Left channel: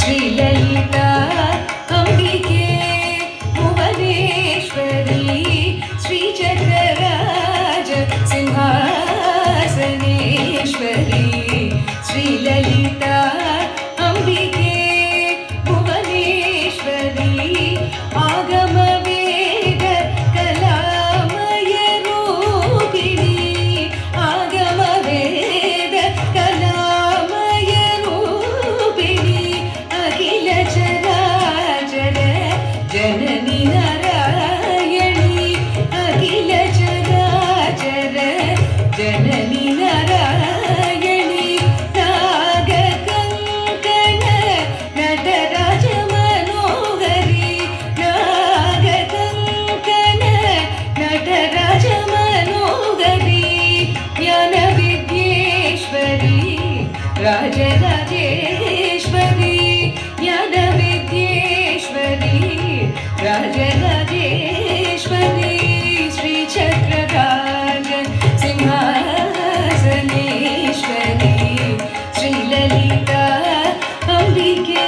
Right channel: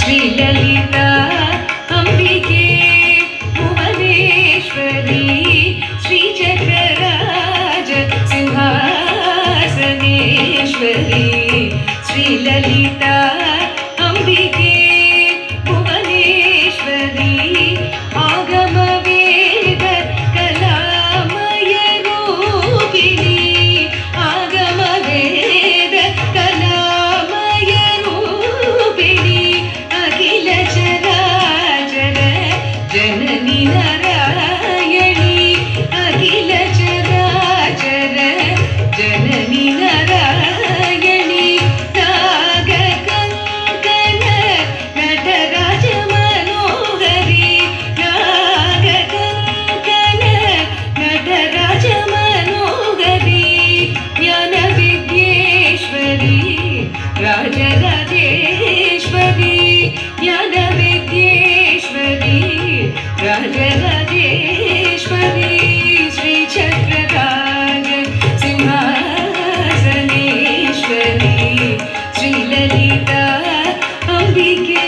श्रीललिता अम्बिके भुवनेश्वरी श्रीचक्रराज सिंहासनेश्वरी श्रीललिता अम्बिके भुवनेश्वरी आगमवेद कलामय रूपिणी आगमवेद कलामय रूपिणी अखिल चराचर जननी नारायणी अखिल चराचर जननी नारायणी नागकङ्कण नटराज मनोहरी नागकङ्कण नटराज मनोहरी ज्ञानविद्येश्वरी राजराजेश्वरी ज्ञानविद्येश्वरी राजराजेश्वरी श्रीचक्रराज सिंहासनेश्वरी श्रीललिता अम्बिके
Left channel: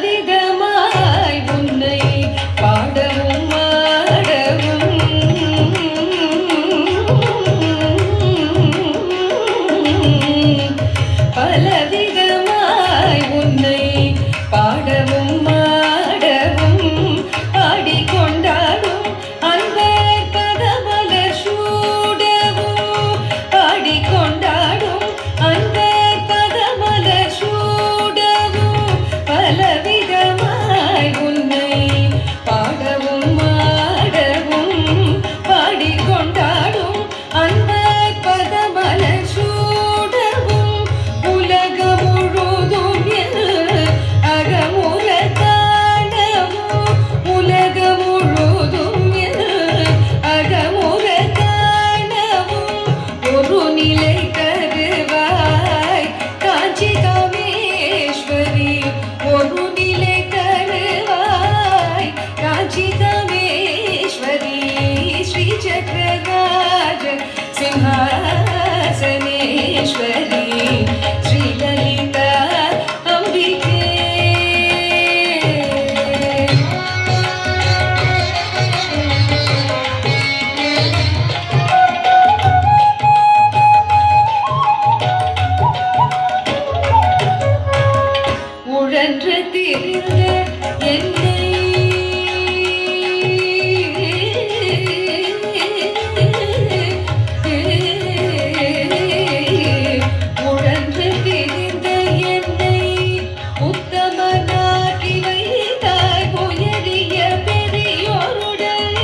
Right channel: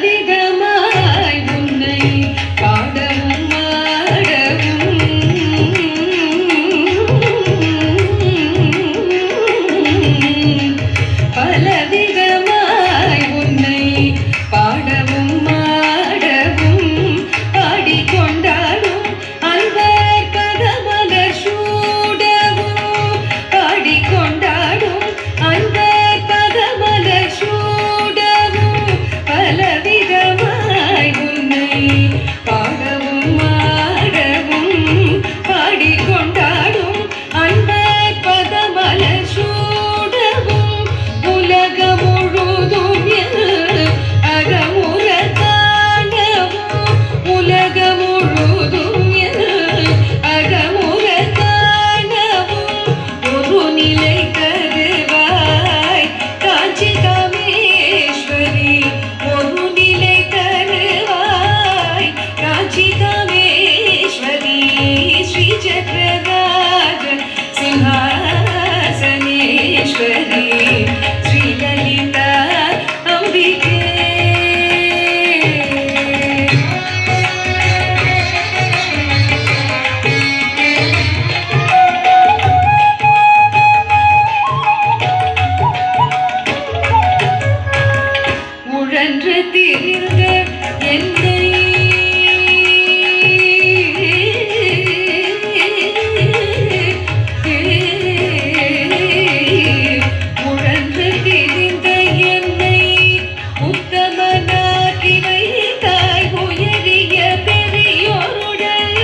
பலவிதமாய் உன்னை பாடவும் ஆடவும் பலவிதமாய் உன்னை பாடவும் ஆடவும் பாடிக்கொண்டாடும் அன்பர் பதமலர் சூடவும் பாடிக்கொண்டாடும் அன்பர் பதமலர் சூடவும் பலவிதமாய் உன்னை பாடவும் ஆடவும் பாடிக்கொண்டாடும் அன்பர் பதமலர் சூடவும் உலகம் முழுதும் அகமுற காணவும் உலகம் முழுதும் அகமுற காணவும் ஒரு நிலை தருவாய் காஞ்சி காமேஸ்வரி ஒரு நிலை தருவாய் காஞ்சி காமேஸ்வரி ஸ்ரீசக்கரராஜ சிம்ஹாசனேஸ்வரி ஸ்ரீலலிதா அம்பிகே உழன்று திரிந்த என்னை உழன்று திரிந்த என்னை உத்தமனாக்கி வைத்தாய் உயரிய பெரியோருடன்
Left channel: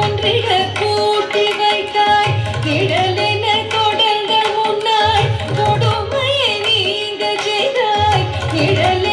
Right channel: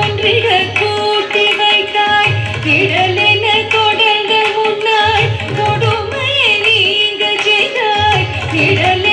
ஒன்றிட கூட்டி வைத்தாய் நிழலென தொடங்க முன்னாய் கொடுமை நீங்க செய்தாய் நிழலே